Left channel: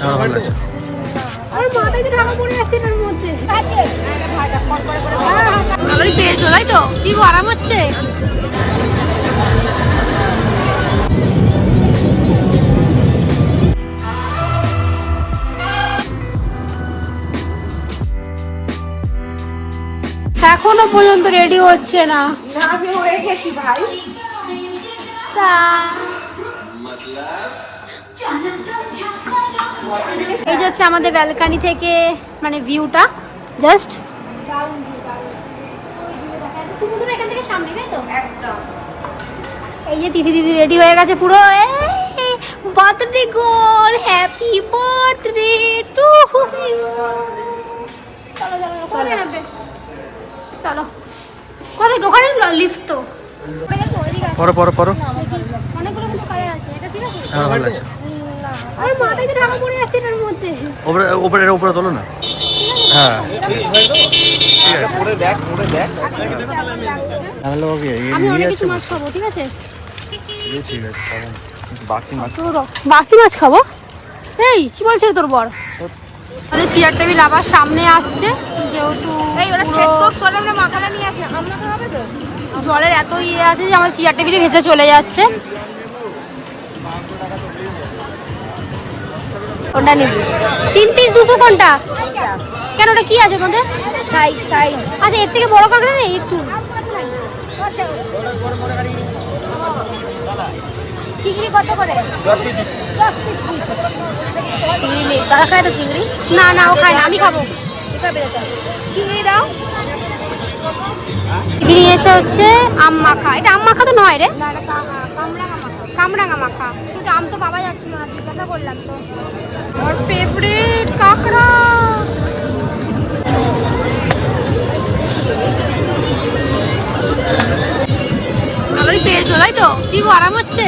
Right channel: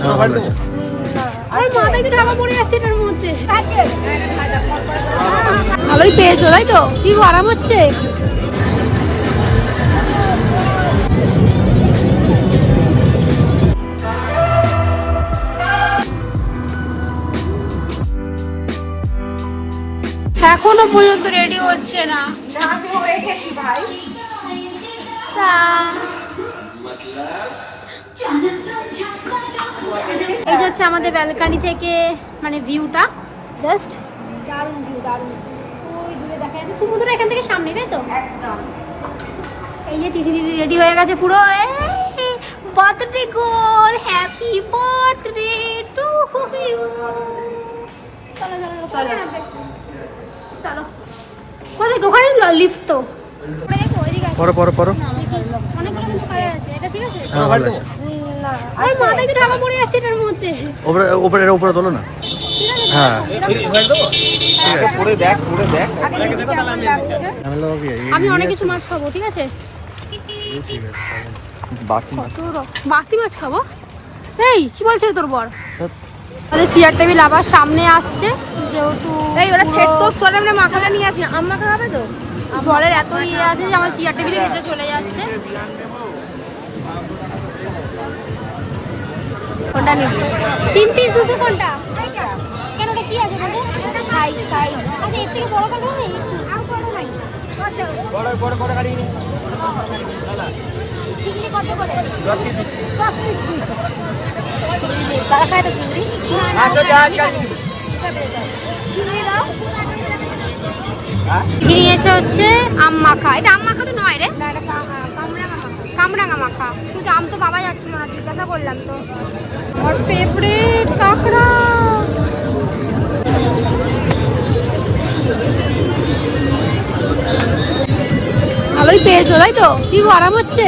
হ্যাঁ ভালো আছে। আমার মাথায় তো ঢাকা পড়ে যাচ্ছে মধ্যে। ভালোই পেয়েছ তাই তো? কি আরাম হচ্ছে? এখনও পর্যন্ত রেডি হচ্ছে না। তা। এই যে হচ্ছে আমাদের ব্যালকানি থেকে মানে ভিউটা জাস্ট দারুণ ভিউ দারুণ। সমুদ্র এখান থেকে সামনে তাই তো? এই যে দিদি দিদি রেডি হয়ে গেছে পুরো। Birthday goal. Happy birthday to you চলো চলো চলো। কোথায়? ওখানে লিফট তো। পরে পরে পরে। দেখি, অনেকগুলো কিন্তু কালার আছে এটা ঠিক আছে? হ্যাঁ ভালো আছে মাথায় তো ঢাকা পড়ে যাচ্ছে এটার মধ্যে। ওপরে ওপরে এটা উপরে তোলো না। হ্যাঁ ঠিক আছে। ঠিক আছে। আমি অনেক কিছু মাছ খাব ঠিক আছে? বাসি মাছ খাব? এই কি বলছে তোর বর? আমাদের চেয়ার টেবিল আবার সামনে আসছে যেহেতু পুরো জলের এত ইয়ে আছে যে আমার চেয়ার টেবিলে ভেসে চলে যাচ্ছে। কোনটা নিবি? তিন পিস দুশো কোনটা? কেন ওটা কি আছে মধ্যে আচ্ছা এর থেকে বড় কাঁকড়া নেই একটু? না না আমি খাব। নিয়েছে হচ্ছে আম মাখা। এটা আম মাখা তো নয় রে। কামরাঙা মাখা। কিন্তু আম তো পাওয়া যাচ্ছিল না জিজ্ঞাসা করলাম তো। আমার ফেভারিট কাঁকড়া। ভালোই পেয়েছ তাই তো? কি গো, আরাম হচ্ছে?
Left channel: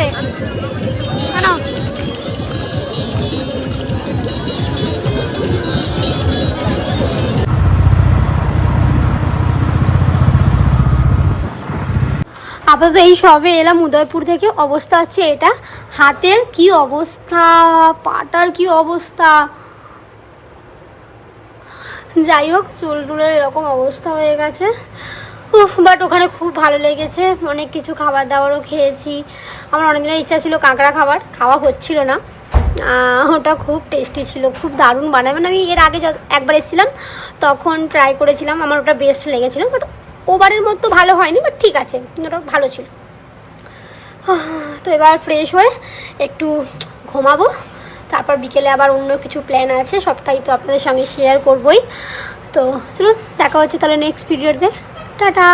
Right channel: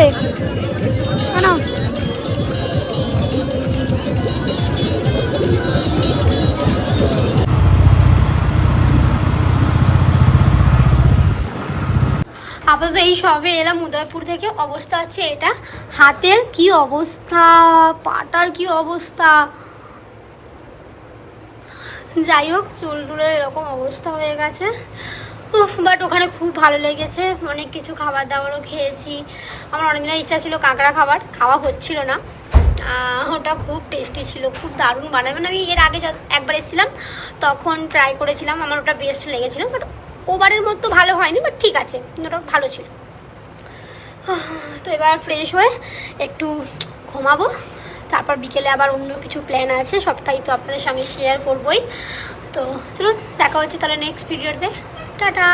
কেন? আপাতত এই সবে এলাম উদয়পুর থেকে, অবস্থা হচ্ছে এটা। হাতের কি অবস্থা? পাটার কি অবস্থা? যাই হোক, চুল টুলের এরকম অবস্থা হয়ে গেছে। উফ বাট ওখানে খুব ভালো লেগেছে। অনেক কিছু খাবার দাবারও খেয়েছি। আমার অনেকদিনের ইচ্ছা ছিল কাঁকড়া খাবার, খাওয়া হচ্ছিল না। ওটা খুব টেস্টি ছিল, খুব দারুণ বানায়। মানে আমি এর আগে একবার এসেছিলাম, তখন ট্রাই করেছিলাম। আমার ওটা বেস্ট লেগেছিলো বাট ওবারের মতো ভালো হয়নি বাট ঠিক আছে, ওটা ভালো ছিল। তো এবার ফ্রেশ হয়ে একটু ঘুমাবো, তারপর বিকেলে আবার অন্য কিছু প্ল্যান আছে, সবটাই তো আপনাদের সঙ্গে শেয়ার করবই। তো চলুন, দেখা হচ্ছে তাহলে নেক্সট ভিডিওতে টাটা!